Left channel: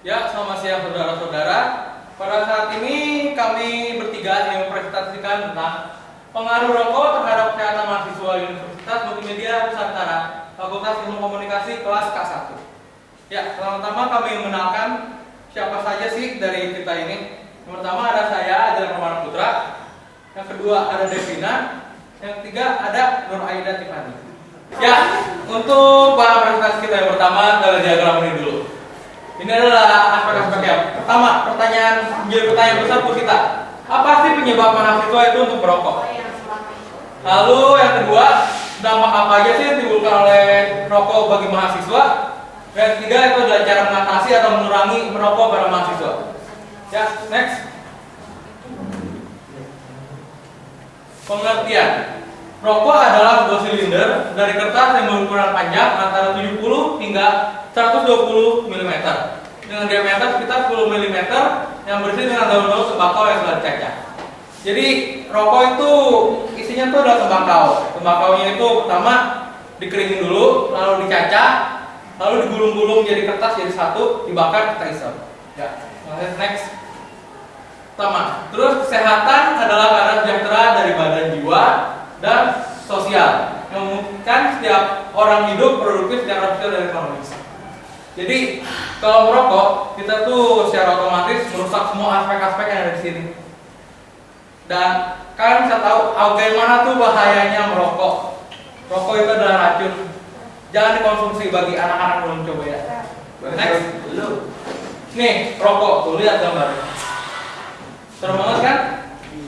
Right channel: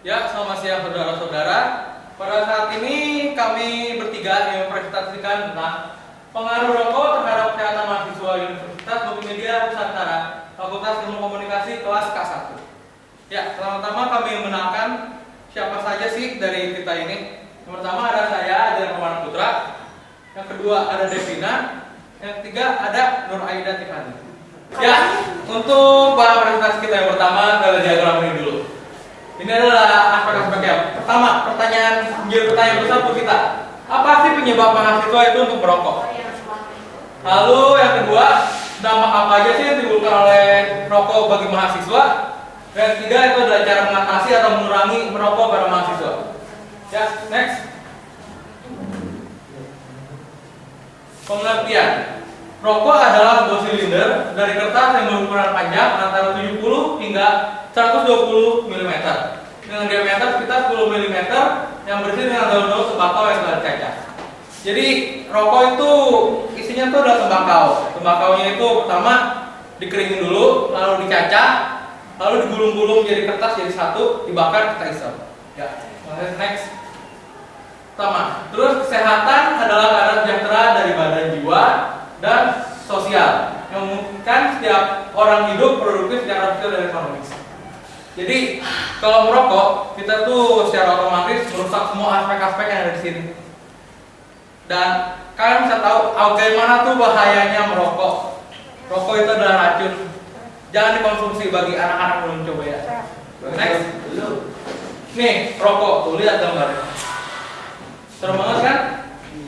Ya, selamat siang saudara-saudara. Pada saat ini kami bertiga yang mempresentasikan tentang pengaruh rokok terhadap kesehatan mahasiswa Universitas Multimedia Nusantara, Fakultas Ilmu Komunikasi kelas K1. Ya, pertama-tama kami mengenalkan siapa saja sih dari kita ini. Yang pertama ada saya, Ajar Permana Putra. Yang kedua ada Devina. Yang ketiga ada Nur Aida Tiffany. Ya, untuk bahan presentasi kita yang pertama adalah diagram ini dulu. Ini adalah aspek-aspeknya. Pertama, menjadi pertanyaan besar untuk kita. Apa sih penyebab mahasiswa itu untuk merokok? Lalu yang kedua, dampak apa aja sih yang ditimbulkan oleh rokok bagi mahasiswa? Dan yang ketiga itu adalah cara mengatasi atau mengurangi merokok pada mahasiswa. Ya, next. Pengertian. Rokok adalah sebuah silinder dari kertas yang berukuran panjang antara 70 hingga 120 mm dengan diameter sekitar 10 mm yang berisi dengan daun-daun tembakau yang telah dicacah. Jadi rokok itu isinya tuh adalah tembakau. Tembakaunya itu pertama dikeringin dulu, lalu dicacah, lalu digulung-gulung jadi kertas jadi satu, dibakar kita isap. Ya, next. Pertama, terus kesehatan adalah keadaan sejahtera dari badan, jiwa, dan sosial yang memungkinkan setiap orang hidup produktif secara sosial dan ekonomis. Jadi kalau merokok kita tuh secara otomatis merusak semua aspek-aspek yang ada di sini. Dan kalian bisa tahu bagaimana tuh bahayanya merokok. Rokok itu adalah racun. Jangan dikonsumsi bagi anak-anak belum coba ya. Next. Nih rokok tuh lihat gambarnya. Serem banget kan?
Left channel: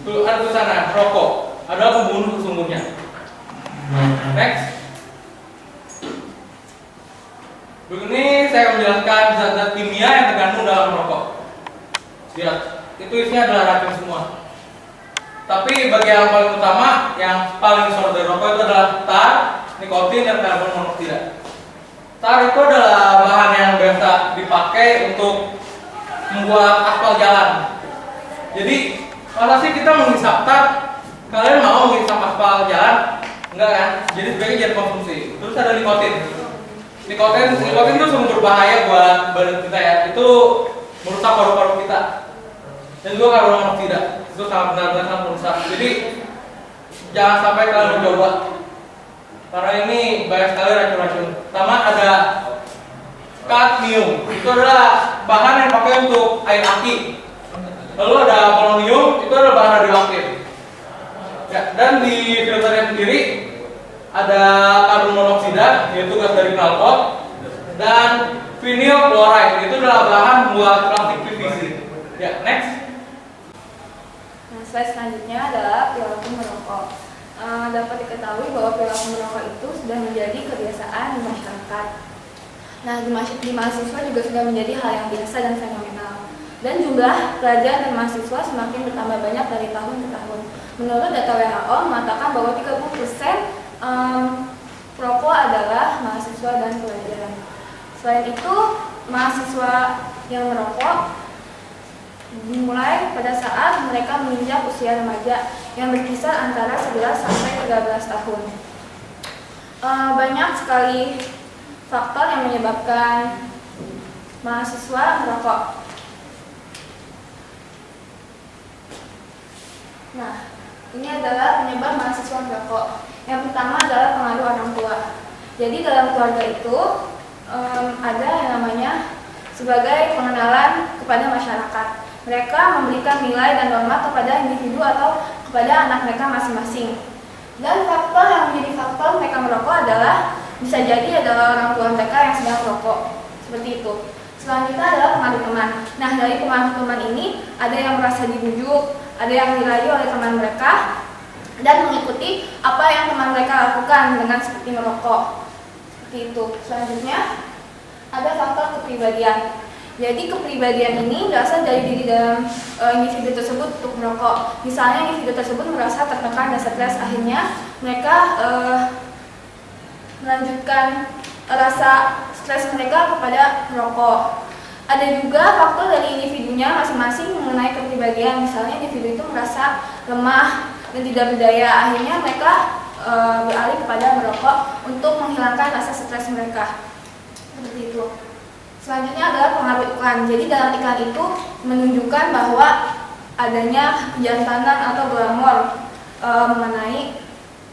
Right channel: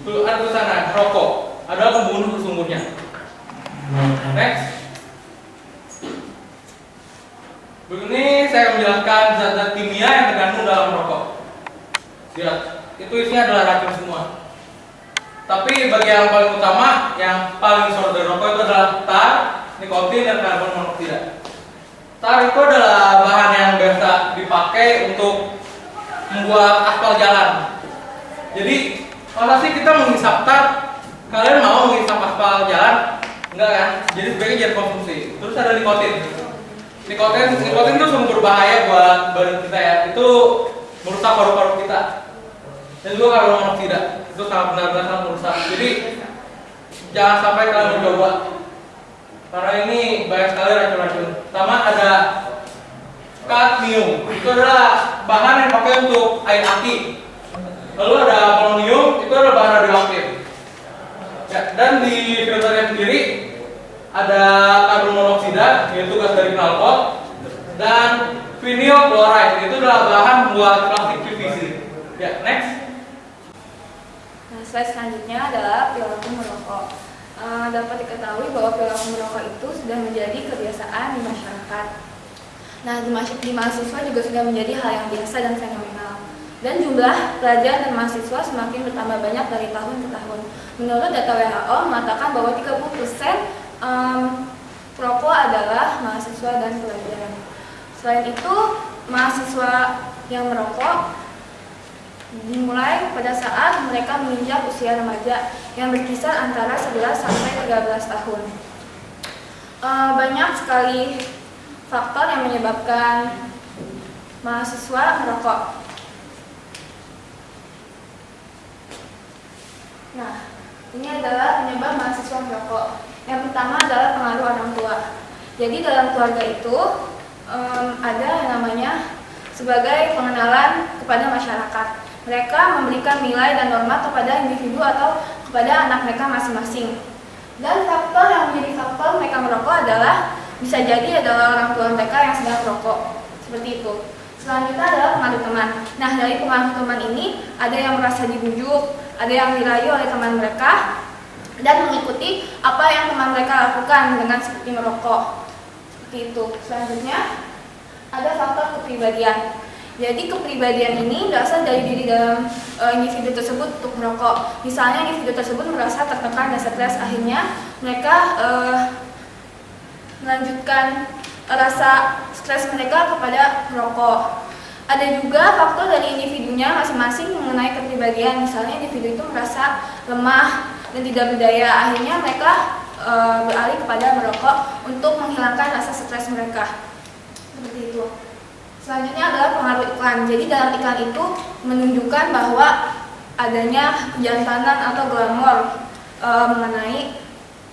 Tuh ada tulisan rokok adalah pembunuh sesungguhnya. Next. Begini saya akan menjelaskan zat-zat kimia yang terkandung dalam rokok. Lihat, itu isinya adalah racun semua. Tapi bagian yang paling utama, yang paling besar dari rokok itu adalah tar, nikotin, dan karbon monoksida. Tar itu adalah bahan yang biasa dipakai untuk membuat aspal jalan. Jadi, masa sih kita menghisap tar? Kalian mau menghisap aspal jalan? Enggak kan? Jadi sebaiknya jangan konsumsi. Terus ada nikotin. Nikotin itu sumber berbahaya buat badan kita ya. Itu merusak paru-paru kita. Dan juga karbon monoksida itu sangat benar-benar merusak. Jadi jangan sampai kalian mencoba. Karena ini banyak sekali racun-racun. Pertama ada kadmium. Itu adalah bahan yang dipakai untuk air aki. Lalu ada polonium. Itu adalah bahan radioaktif. Ya, dan di filternya sendiri ada karbon monoksida, yaitu gas dari knalpot, dan vinyl chloride, itu adalah bahan buat plastik PVC. Ya, next. Nah, slide selanjutnya adalah perilaku merokok. Dapat diketahui bahwa perilaku merokok itu sudah menjadi kebiasaan di masyarakat. Nah, di mahasiswa juga sudah menjadi hal yang biasa dan fenomenal. Dan jumlah pelajar dan mahasiswa semakin bertambah banyak dari tahun ke tahun. Menurut data WHO mengatakan bahwa 30% perokok adalah mahasiswa dan pelajar. Selain itu, mahasiswa yang merokok dimulai pada saat mereka menginjak usia remaja yang berkisar antara 11 sampai 13 tahun. Banyak sekali faktor yang menyebabkan mahasiswa merokok. Nah, ini adalah penyebab mahasiswa merokok. Yang pertama adalah pengaruh orang tua. Jadi dalam keluarga itu ada yang namanya sebagai pengenalan kepada masyarakat. Mereka memberikan nilai dan norma kepada individu atau kepada anak mereka masing-masing. Dan faktor yang menjadi faktor mereka merokok adalah bisa jadi adalah orang tua mereka yang sedang merokok. Seperti itu. Selanjutnya adalah pengaruh teman. Nah, dari pengaruh teman ini ada yang merasa dibujuk, ada yang dirayu oleh teman mereka dan mengikuti apa yang teman mereka lakukan dengan seperti merokok. Seperti itu. Selanjutnya ada faktor kepribadian. Jadi kepribadian ini berasal dari diri dalam individu tersebut untuk merokok. Misalnya individu tersebut merasa tertekan dan stres, akhirnya mereka melanjutkan rasa stres mereka kepada merokok. Ada juga faktor dari individunya masing-masing mengenai kepribadian. Misalnya individu itu merasa lemah dan tidak berdaya, akhirnya mereka beralih kepada merokok untuk menghilangkan rasa stres mereka. Seperti itu. Selanjutnya adalah pengaruh iklan. Jadi dalam iklan itu menunjukkan bahwa adanya kejantanan atau glamor mengenai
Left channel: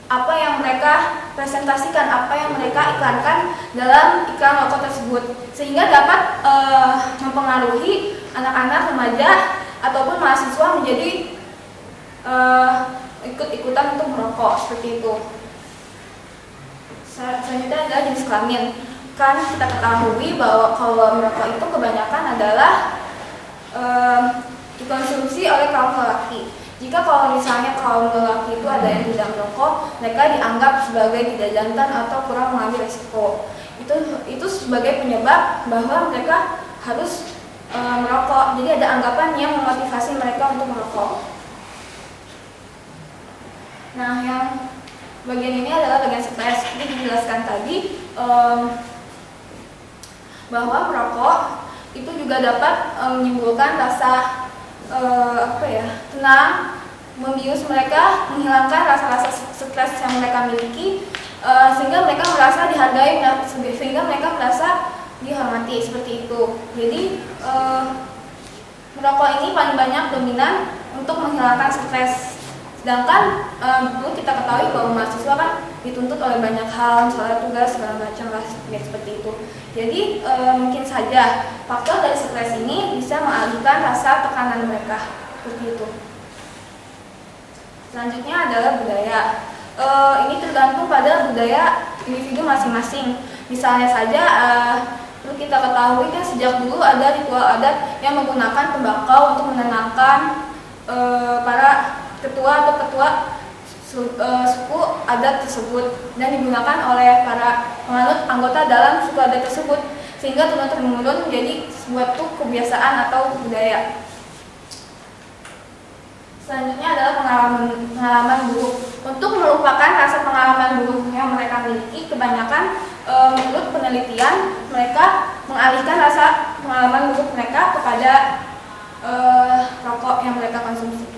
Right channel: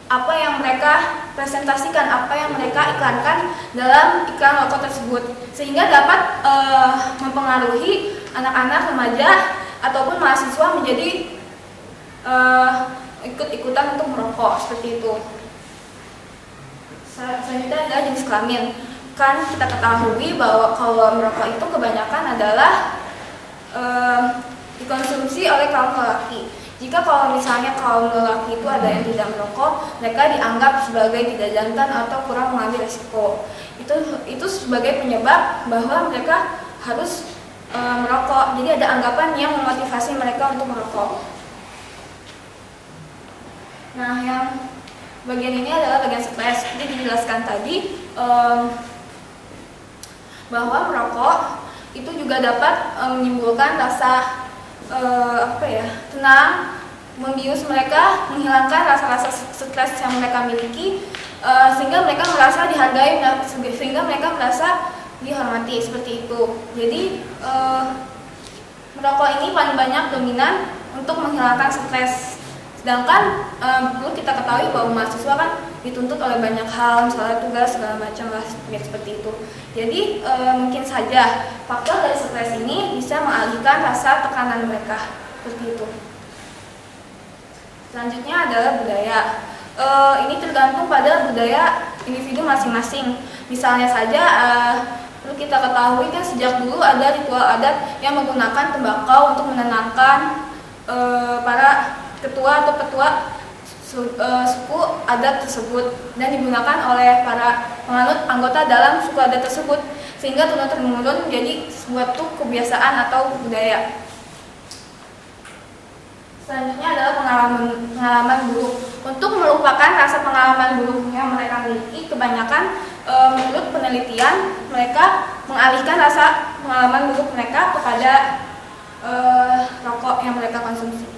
apa yang mereka presentasikan, apa yang mereka iklankan dalam iklan rokok tersebut, sehingga dapat mempengaruhi anak-anak, remaja ataupun mahasiswa menjadi ikut-ikutan untuk merokok seperti itu. Selanjutnya adalah jenis kelamin. Kan kita ketahui bahwa kalau merokok itu kebanyakan adalah dikonsumsi oleh kaum lelaki. Jika kalau misalnya kaum lelaki itu ada yang tidak merokok, mereka dianggap sebagai tidak jantan atau kurang mengambil resiko. Itu sebagai penyebab bahwa mereka harus merokok. Jadi ada anggapan yang memotivasi mereka untuk merokok. Nah, yang bagian ini adalah bagian stres. Seperti dijelaskan tadi, bahwa merokok itu juga dapat menimbulkan rasa tenang, membius mereka, menghilangkan rasa-rasa stres yang mereka miliki, sehingga mereka merasa dihargai, sehingga mereka merasa dihormati seperti itu. Jadi merokok ini paling banyak dominan untuk menghilangkan stres. Sedangkan perlu kita ketahui bahwa mahasiswa kan dituntut oleh banyak hal, misalnya tugas segala macam lah seperti itu. Jadi mungkin saja faktor dari stres ini bisa mengalihkan rasa tekanan mereka seperti itu. Selanjutnya adalah budaya. Ini tergantung pada budaya individu masing-masing. Misalnya saja perlu kita ketahui kan sejak dulu ada ritual adat yang menggunakan tembakau untuk menenangkan para ketua atau ketua suku adat tersebut, dan digunakan oleh para penganut anggota dalam suku adat tersebut, sehingga turun-temurun menjadi suatu kebiasaan atau budaya. Selanjutnya adalah pengalaman buruk. Untuk melupakan rasa pengalaman buruk yang mereka miliki, kebanyakan menurut penelitian mereka mengalihkan rasa pengalaman buruk mereka kepada rokok yang mereka konsumsi.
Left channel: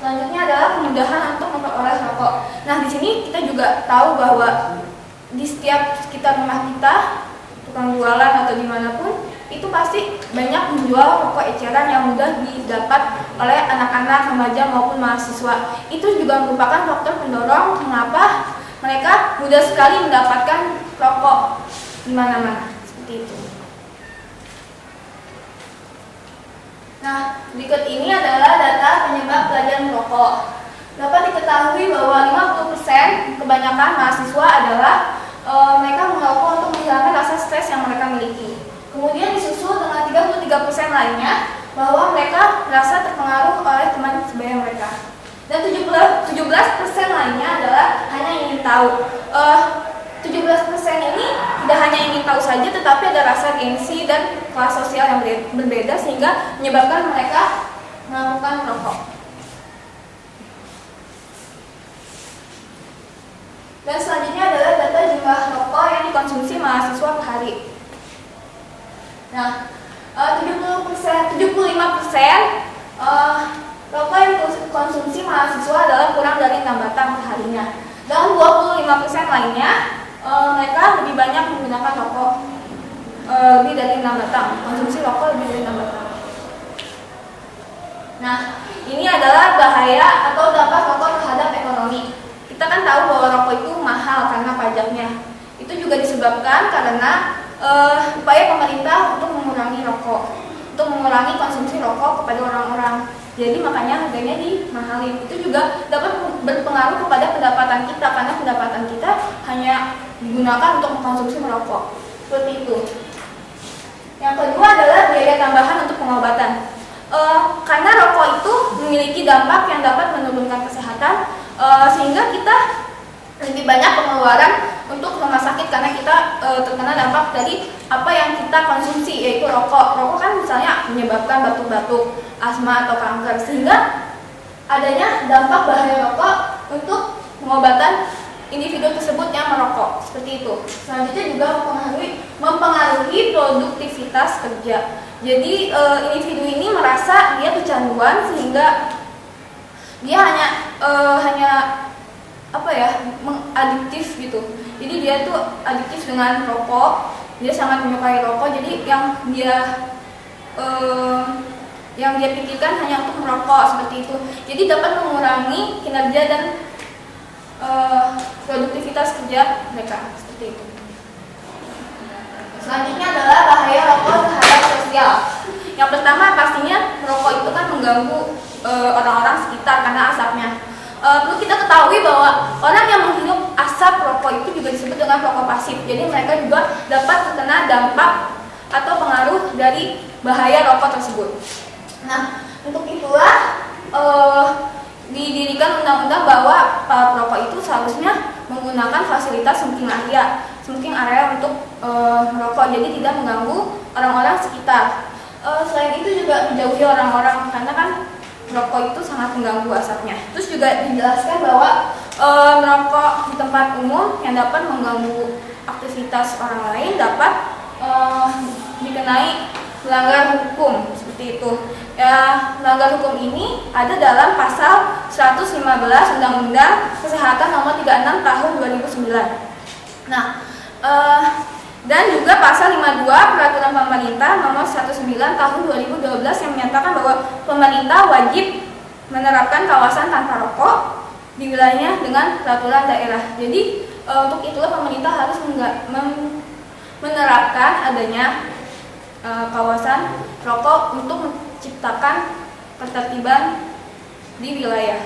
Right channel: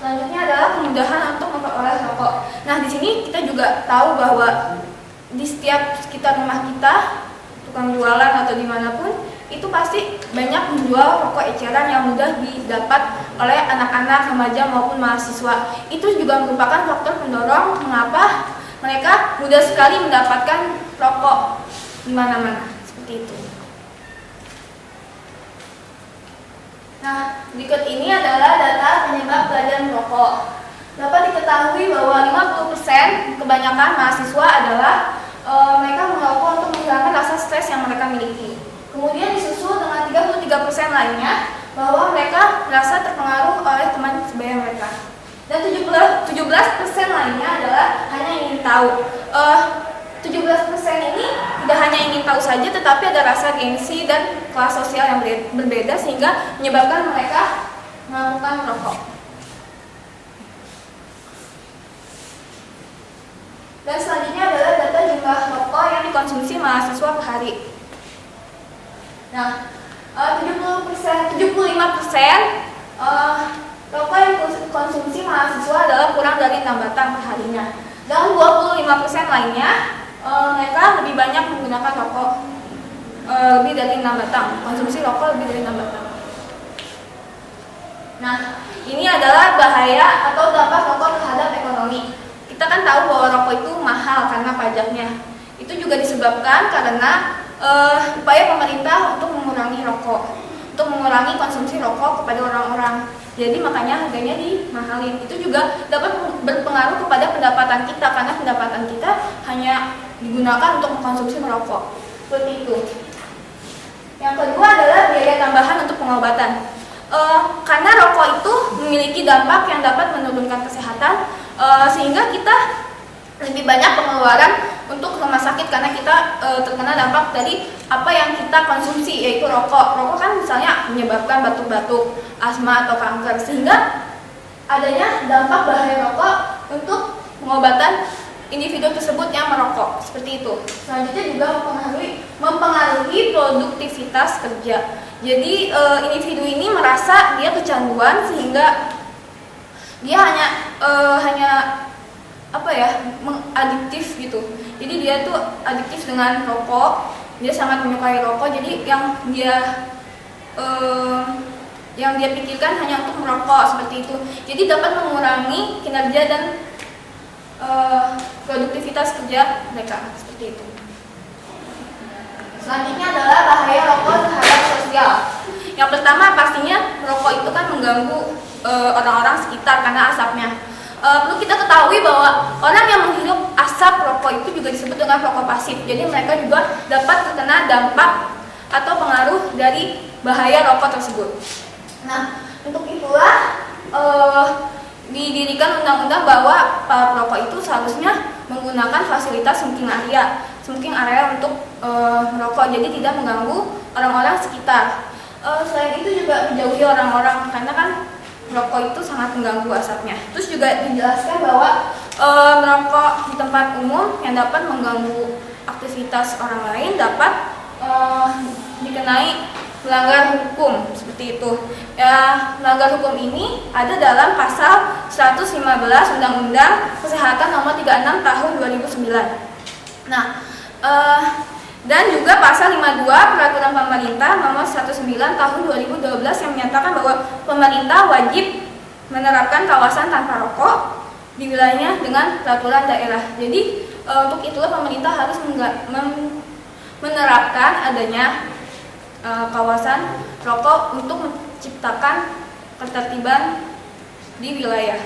Selanjutnya adalah kemudahan untuk memperoleh rokok. Nah, di sini kita juga tahu bahwa di setiap sekitar rumah kita, tukang jualan atau dimanapun, itu pasti banyak menjual rokok eceran yang mudah didapat oleh anak-anak, remaja maupun mahasiswa. Itu juga merupakan faktor pendorong mengapa mereka mudah sekali mendapatkan rokok di mana-mana, seperti itu. Nah, berikut ini adalah data penyebab belajar merokok. Dapat diketahui bahwa 50% kebanyakan mahasiswa adalah mereka merokok untuk menghilangkan rasa stres yang mereka miliki. Kemudian disusul dengan 33% lainnya bahwa mereka merasa terpengaruh oleh teman sebaya mereka. Dan 17% lainnya adalah hanya ingin tahu. 17% ini tidak hanya ingin tahu saja, tetapi ada rasa gengsi dan kelas sosial yang berbeda sehingga menyebabkan mereka melakukan merokok. Dan selanjutnya adalah data jumlah rokok yang dikonsumsi mahasiswa per hari. Nah, 75% rokok yang dikonsumsi mahasiswa adalah kurang dari 6 batang per harinya. Dan 25% lainnya mereka lebih banyak menggunakan rokok, lebih dari 6 batang, konsumsi rokok lebih dari 6 batang. Nah, ini adalah bahaya atau dampak rokok terhadap ekonomi. Kita kan tahu bahwa rokok itu mahal karena pajaknya. Itu juga disebabkan karena upaya pemerintah untuk mengurangi rokok, untuk mengurangi konsumsi rokok kepada orang-orang. Jadi makanya harganya dimahalin. Itu juga dapat berpengaruh kepada pendapatan kita, karena pendapatan kita hanya digunakan untuk mengkonsumsi merokok. Seperti itu. Yang kedua adalah biaya tambahan untuk pengobatan. Karena rokok itu memiliki dampak yang dapat menurunkan kesehatan, sehingga kita lebih banyak pengeluaran untuk rumah sakit karena kita terkena dampak dari apa yang kita konsumsi, yaitu rokok. Rokok kan misalnya menyebabkan batuk-batuk, asma atau kanker, sehingga adanya dampak bahaya rokok untuk pengobatan individu tersebut yang merokok, seperti itu. Selanjutnya juga mempengaruhi produktivitas kerja. Jadi individu ini merasa dia kecanduan sehingga dia hanya mengadiktif gitu. Jadi dia tuh adiktif dengan rokok, dia sangat menyukai rokok, jadi yang dia pikirkan hanya untuk merokok seperti itu. Jadi dapat mengurangi kinerja dan produktivitas kerja mereka seperti itu. Selanjutnya adalah bahaya rokok terhadap sosial. Yang pertama pastinya merokok itu kan mengganggu orang-orang sekitar karena asapnya. Perlu kita ketahui bahwa orang yang menghirup asap rokok itu juga disebut dengan rokok pasif. Jadi mereka juga dapat terkena dampak atau pengaruh dari bahaya rokok tersebut. Nah, untuk itulah didirikan undang-undang bahwa para perokok itu seharusnya menggunakan fasilitas smoking area untuk merokok, jadi tidak mengganggu orang-orang sekitar. Selain itu juga menjauhi orang-orang karena kan merokok itu sangat mengganggu asapnya. Terus juga dijelaskan bahwa merokok di tempat umum yang dapat mengganggu aktivitas orang lain dapat dikenai melanggar hukum seperti itu. Ya, melanggar hukum ini ada dalam pasal 115 Undang-Undang Kesehatan Nomor 36 Tahun 2009. Nah, dan juga pasal 52 Peraturan Pemerintah Nomor 19 Tahun 2012 yang menyatakan bahwa pemerintah wajib menerapkan kawasan tanpa rokok di wilayahnya dengan peraturan daerah. Jadi untuk itulah pemerintah harus menerapkan adanya kawasan rokok untuk menciptakan ketertiban di wilayah.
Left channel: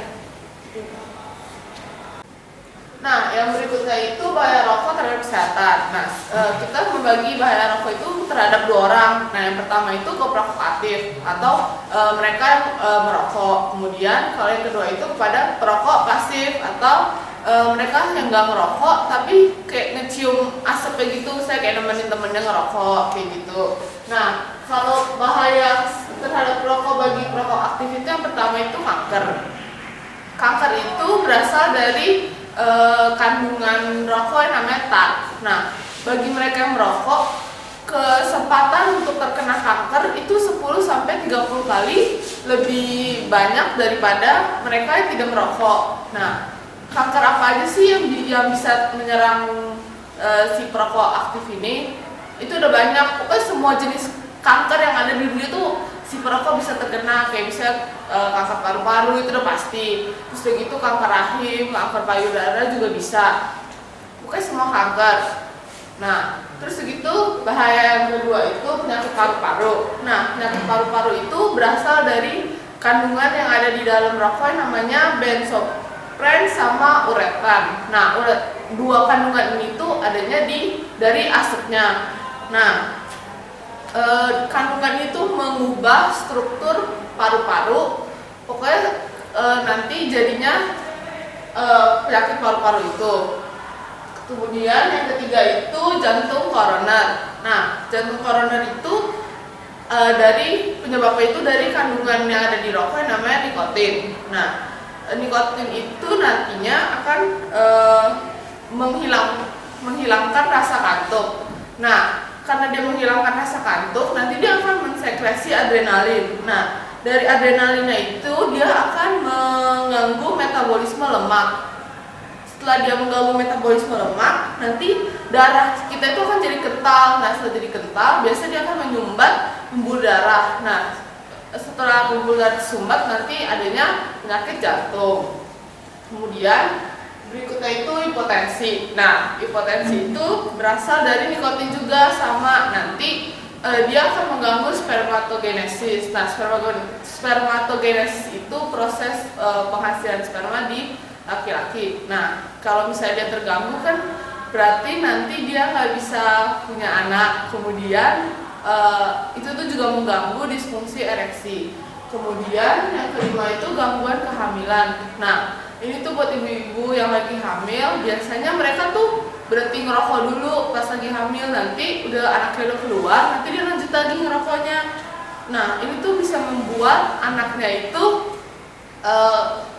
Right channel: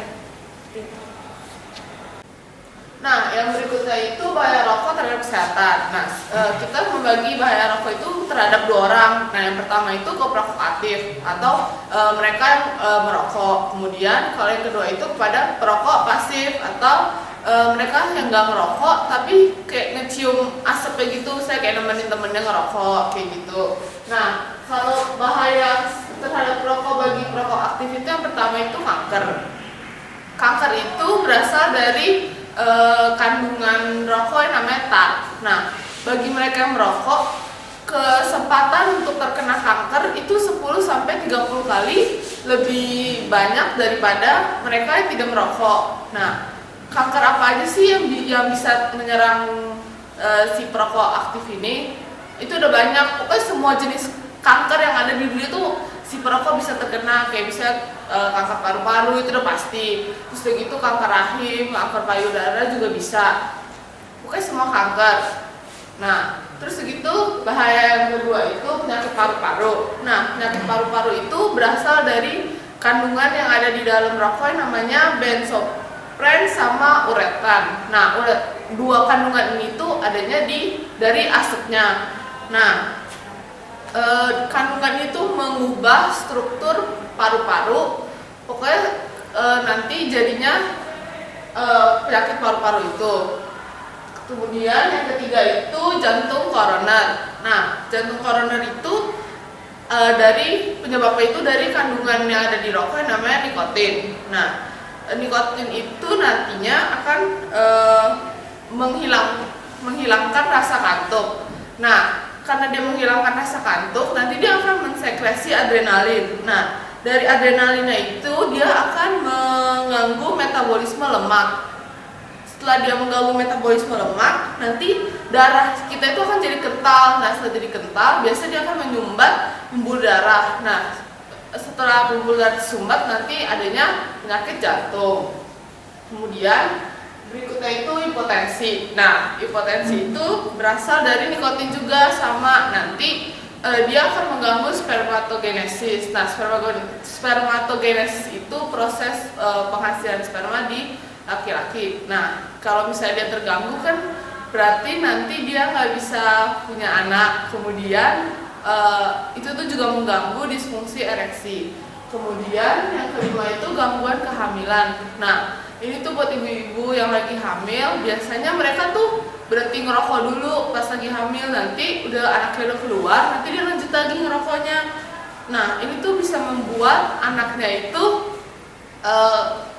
Nah, yang berikutnya itu bahaya rokok terhadap kesehatan. Nah, kita membagi bahaya rokok itu terhadap dua orang. Nah, yang pertama itu perokok aktif atau mereka yang merokok. Kemudian kalau yang kedua itu kepada perokok pasif atau mereka yang nggak ngerokok tapi kayak ngecium asapnya gitu, saya kayak nemenin temennya ngerokok kayak gitu. Nah, kalau bahaya terhadap perokok bagi perokok aktif itu yang pertama itu kanker. Kanker itu berasal dari kandungan rokok yang namanya tar. Nah, bagi mereka yang merokok, kesempatan untuk terkena kanker itu 10-30 kali lebih banyak daripada mereka yang tidak merokok. Nah, kanker apa aja sih yang bisa menyerang si perokok aktif ini? Itu udah banyak. Pokoknya semua jenis kanker yang ada di dunia tuh si perokok bisa terkena, kayak bisa kanker paru-paru itu udah pasti. Terus begitu kanker rahim, kanker payudara juga bisa. Pokoknya semua kanker. Nah, terus begitu bahaya yang kedua itu penyakit paru-paru. Nah, penyakit paru-paru itu berasal dari kandungan yang ada di dalam rokok yang namanya benzopren sama uretan. Nah, dua kandungan ini tuh adanya dari asapnya. Nah, kandungan itu mengubah struktur paru-paru, pokoknya nanti jadinya penyakit paru-paru itu. Kemudian yang ketiga itu jantung koroner. Nah, jantung koroner itu dari penyebabnya itu dari kandungan yang ada di rokok yang namanya nikotin. Nah, nikotin itu nantinya akan menghilangkan rasa kantuk. Nah, karena dia menghilangkan rasa kantuk, nanti dia akan mensekresi adrenalin. Nah, dari adrenalinnya itu dia akan mengganggu metabolisme lemak. Setelah dia mengganggu metabolisme lemak, nanti darah kita itu akan jadi kental. Nah, setelah jadi kental, biasanya dia akan menyumbat pembuluh darah. Nah, setelah pembuluh darah disumbat, nanti adanya penyakit jantung. Kemudian berikutnya itu hipotensi. Nah, hipotensi itu berasal dari nikotin juga sama. Nanti dia akan mengganggu spermatogenesis. Nah, spermatogenesis itu proses penghasilan sperma di laki-laki. Nah, kalau misalnya dia terganggu kan berarti nanti dia nggak bisa punya anak. Kemudian itu tuh juga mengganggu disfungsi ereksi. Kemudian yang kelima itu gangguan kehamilan. Nah, ini tuh buat ibu-ibu yang lagi hamil, biasanya mereka tuh berhenti ngerokok dulu pas lagi hamil, nanti udah anaknya udah keluar, nanti dia lanjut lagi ngerokoknya. Nah, ini tuh bisa membuat anaknya itu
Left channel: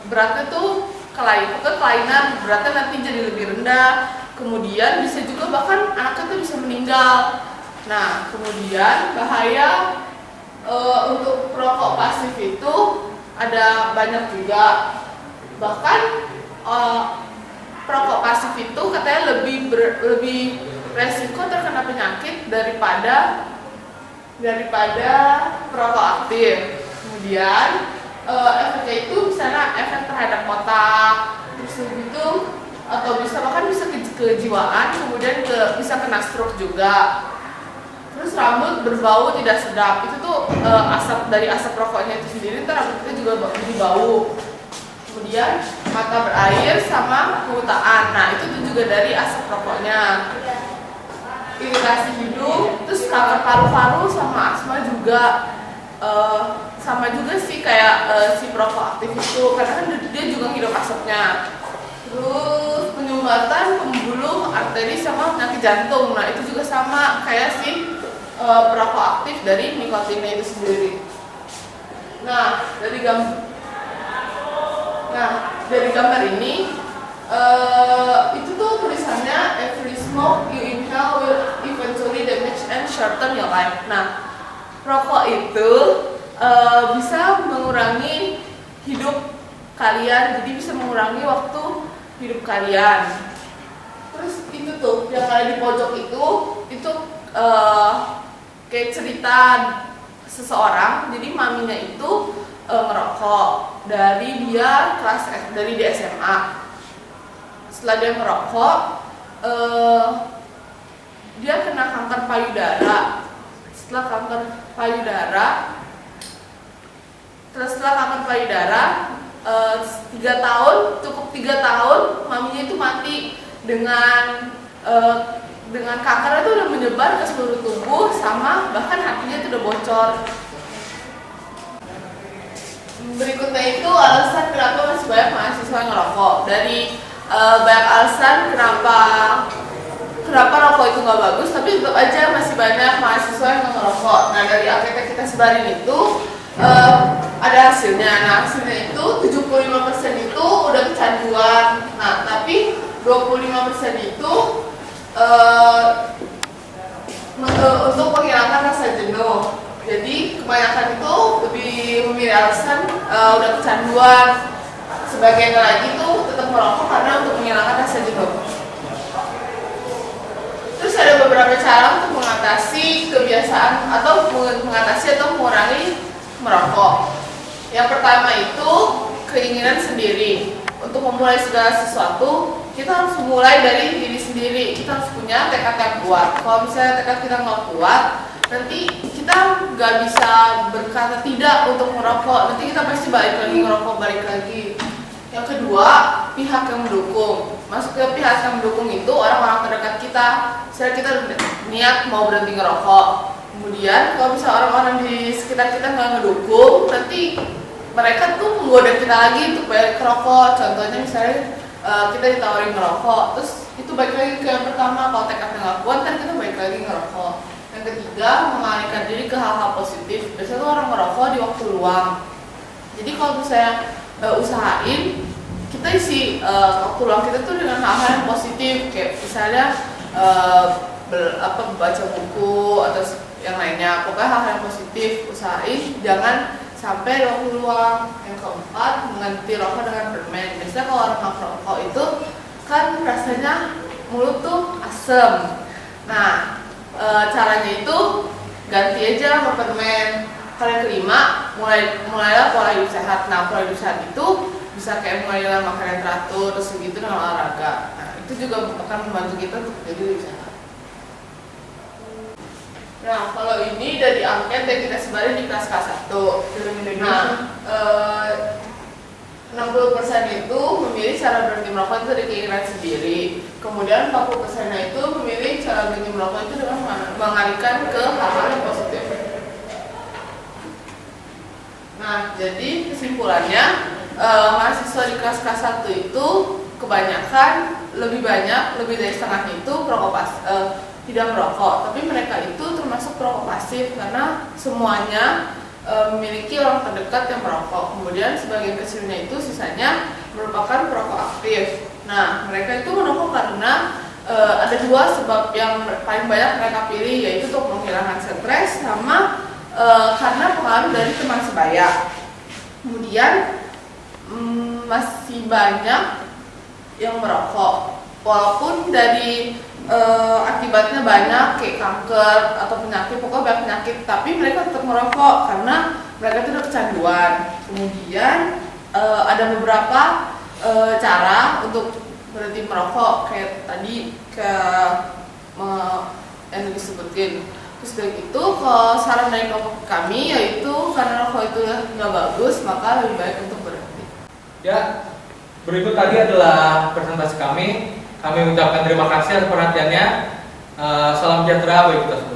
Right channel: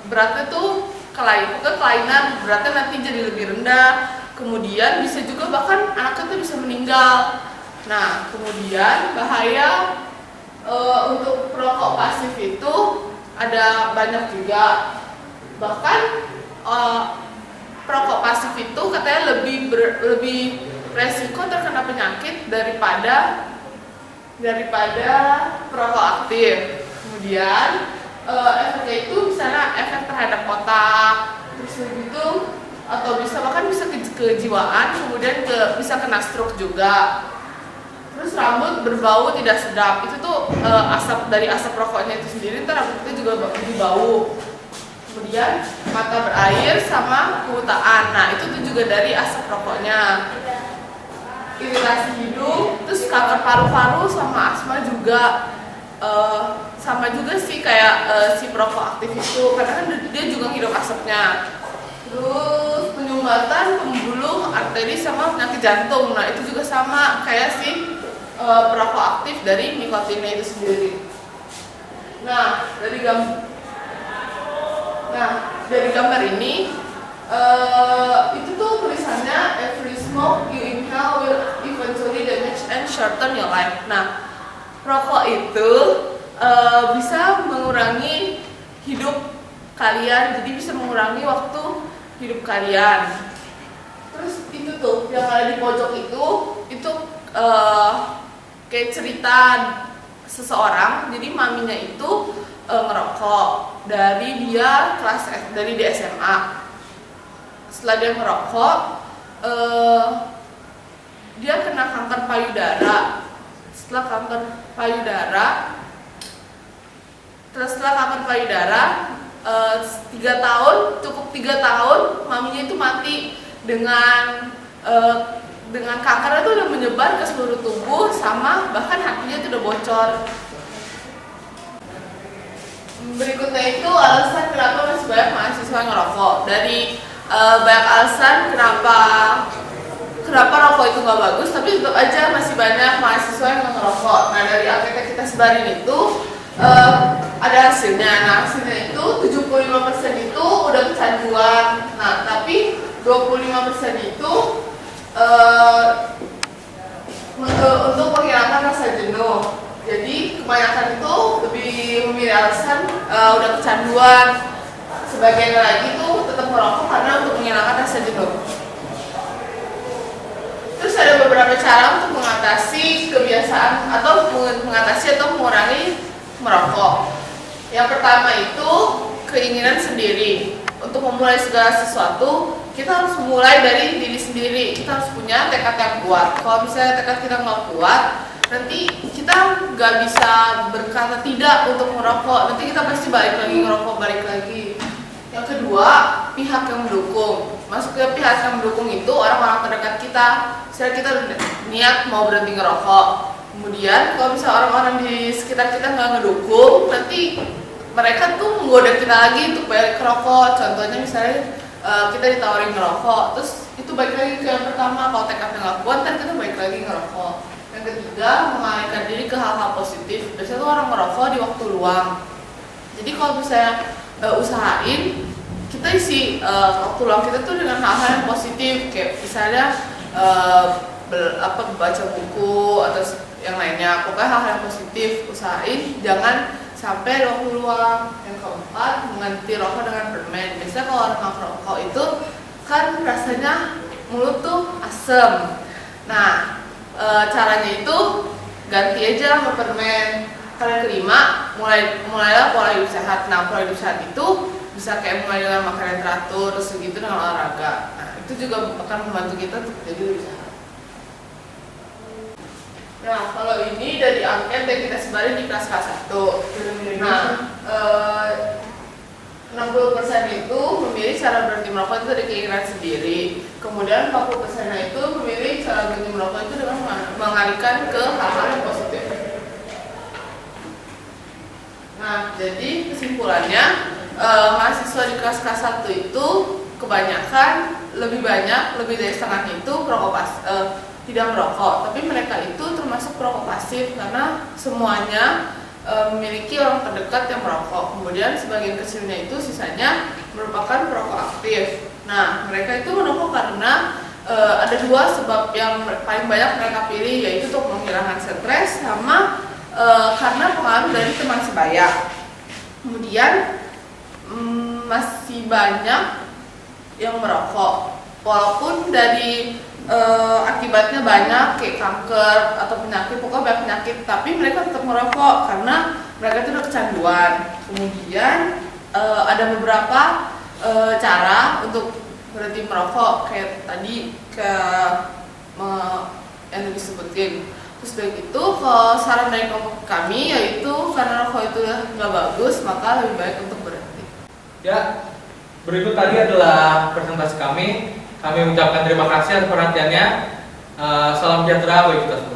beratnya tuh kelainan, beratnya nanti jadi lebih rendah. Kemudian bisa juga bahkan anaknya tuh bisa meninggal. Nah, kemudian bahaya untuk perokok pasif itu ada banyak juga. Bahkan perokok pasif itu katanya lebih resiko terkena penyakit daripada perokok aktif. Kemudian efeknya itu misalnya efek terhadap otak, terus begitu, atau bahkan bisa kejiwaan, kemudian bisa kena stroke juga. Terus rambut berbau tidak sedap, itu tuh dari asap rokoknya itu sendiri, ntar rambut kita juga jadi bau. Kemudian mata berair sama kebutaan, nah itu tuh juga dari asap rokoknya. Iritasi hidung, terus kanker paru-paru sama asma juga. Sama juga sih kayak si perokok aktif itu, karena kan dia juga hidup asapnya. Terus penyumbatan pembuluh arteri sama penyakit jantung, nah itu juga sama kayak si perokok aktif dari nikotinnya itu sendiri. Nah dari gambar ini itu tuh tulisannya every smoke you inhale will eventually damage and shorten your life. Nah, rokok itu bisa mengurangi hidup kalian, jadi bisa mengurangi waktu hidup kalian. Terus itu tuh yang ada di pojok itu kayak cerita seseorang. Jadi maminya itu ngerokok dari di SMA. Setelah dia ngerokok, dia kena kanker payudara. Setelah kanker payudara 3 tahun maminya itu mati dengan kanker itu udah menyebar ke seluruh tubuh, sama bahkan hatinya itu udah bocor. Berikutnya itu alasan kenapa masih banyak mahasiswa yang ngerokok. Dari banyak alasan kenapa rokok itu nggak bagus, tapi tetap aja masih banyak mahasiswa yang ngerokok. Nah, dari angket yang kita sebarin itu ada hasilnya. Nah, hasilnya itu 75% itu udah kecanduan. Nah, tapi 25% itu untuk menghilangkan rasa jenuh. Jadi kebanyakan itu lebih memilih alasan udah kecanduan. Sebagian lagi tuh tetap merokok karena untuk menghilangkan rasa jenuh. Terus ada beberapa cara untuk mengatasi kebiasaan atau mengurangi merokok. Yang pertama itu keinginan sendiri. Untuk memulai segala sesuatu, kita harus mulai dari diri sendiri. Kita harus punya tekad yang kuat. Kalau misalnya tekad kita nggak kuat, nanti kita nggak bisa berkata tidak untuk merokok. Nanti kita pasti balik lagi ngerokok, balik lagi. Yang kedua, pihak yang mendukung. Masuk ke pihak yang mendukung itu orang-orang terdekat kita. Misalnya kita niat mau berhenti ngerokok, kemudian kalau misalnya orang-orang di sekitar kita nggak ngedukung, nanti mereka tuh menggoda kita lagi untuk balik ngerokok. Contohnya misalnya kita ditawarin ngerokok, terus itu balik lagi ke yang pertama. Kalau tekadnya nggak kuat, kan kita balik lagi ngerokok. Yang ketiga, mengalihkan diri ke hal-hal positif. Biasanya tuh orang ngerokok di waktu luang. Jadi kalau misalnya usahain kita isi waktu luang kita tuh dengan hal-hal yang positif, kayak misalnya baca buku atau yang lainnya. Pokoknya hal-hal yang positif usahain, jangan sampai waktu luang. Yang keempat, mengganti rokok dengan permen. Biasanya kalau orang ngerokok itu kan rasanya mulut tuh asem. Nah, caranya itu ganti aja sama permen. Yang kelima, mulailah pola hidup sehat. Nah, pola hidup sehat itu bisa kayak mulai dengan makan yang teratur, terus segitu dengan olahraga. Nah, itu juga akan membantu kita untuk jadi lebih sehat. Nah, kalau ini dari angket yang kita sebarin di kelas K1. Nah, 60% itu memilih cara berhenti merokok itu dari keinginan sendiri. Kemudian 40% itu memilih cara berhenti merokok itu dengan mengalihkan ke hal-hal yang positif. Nah, jadi kesimpulannya mahasiswa di kelas K1 itu kebanyakan lebih dari setengahnya itu tidak merokok, tapi mereka itu termasuk perokok pasif karena semuanya memiliki orang terdekat yang merokok. Kemudian sebagian kecilnya itu sisanya merupakan perokok aktif. Nah, mereka itu merokok karena ada dua sebab yang paling banyak mereka pilih, yaitu untuk menghilangkan stres sama karena pengaruh dari teman sebaya. Kemudian masih banyak yang merokok, walaupun dari akibatnya banyak kayak kanker atau penyakit, pokoknya banyak penyakit, tapi mereka tetap merokok karena mereka itu udah kecanduan. Kemudian ada beberapa cara untuk berhenti merokok kayak tadi yang disebutin. Terus dari itu saran dari kami yaitu karena rokok itu nggak bagus, maka lebih baik untuk berhenti. Ya, berikut tadi adalah presentasi kami. Kami ucapkan terima kasih atas perhatiannya. Salam sejahtera bagi kita semua.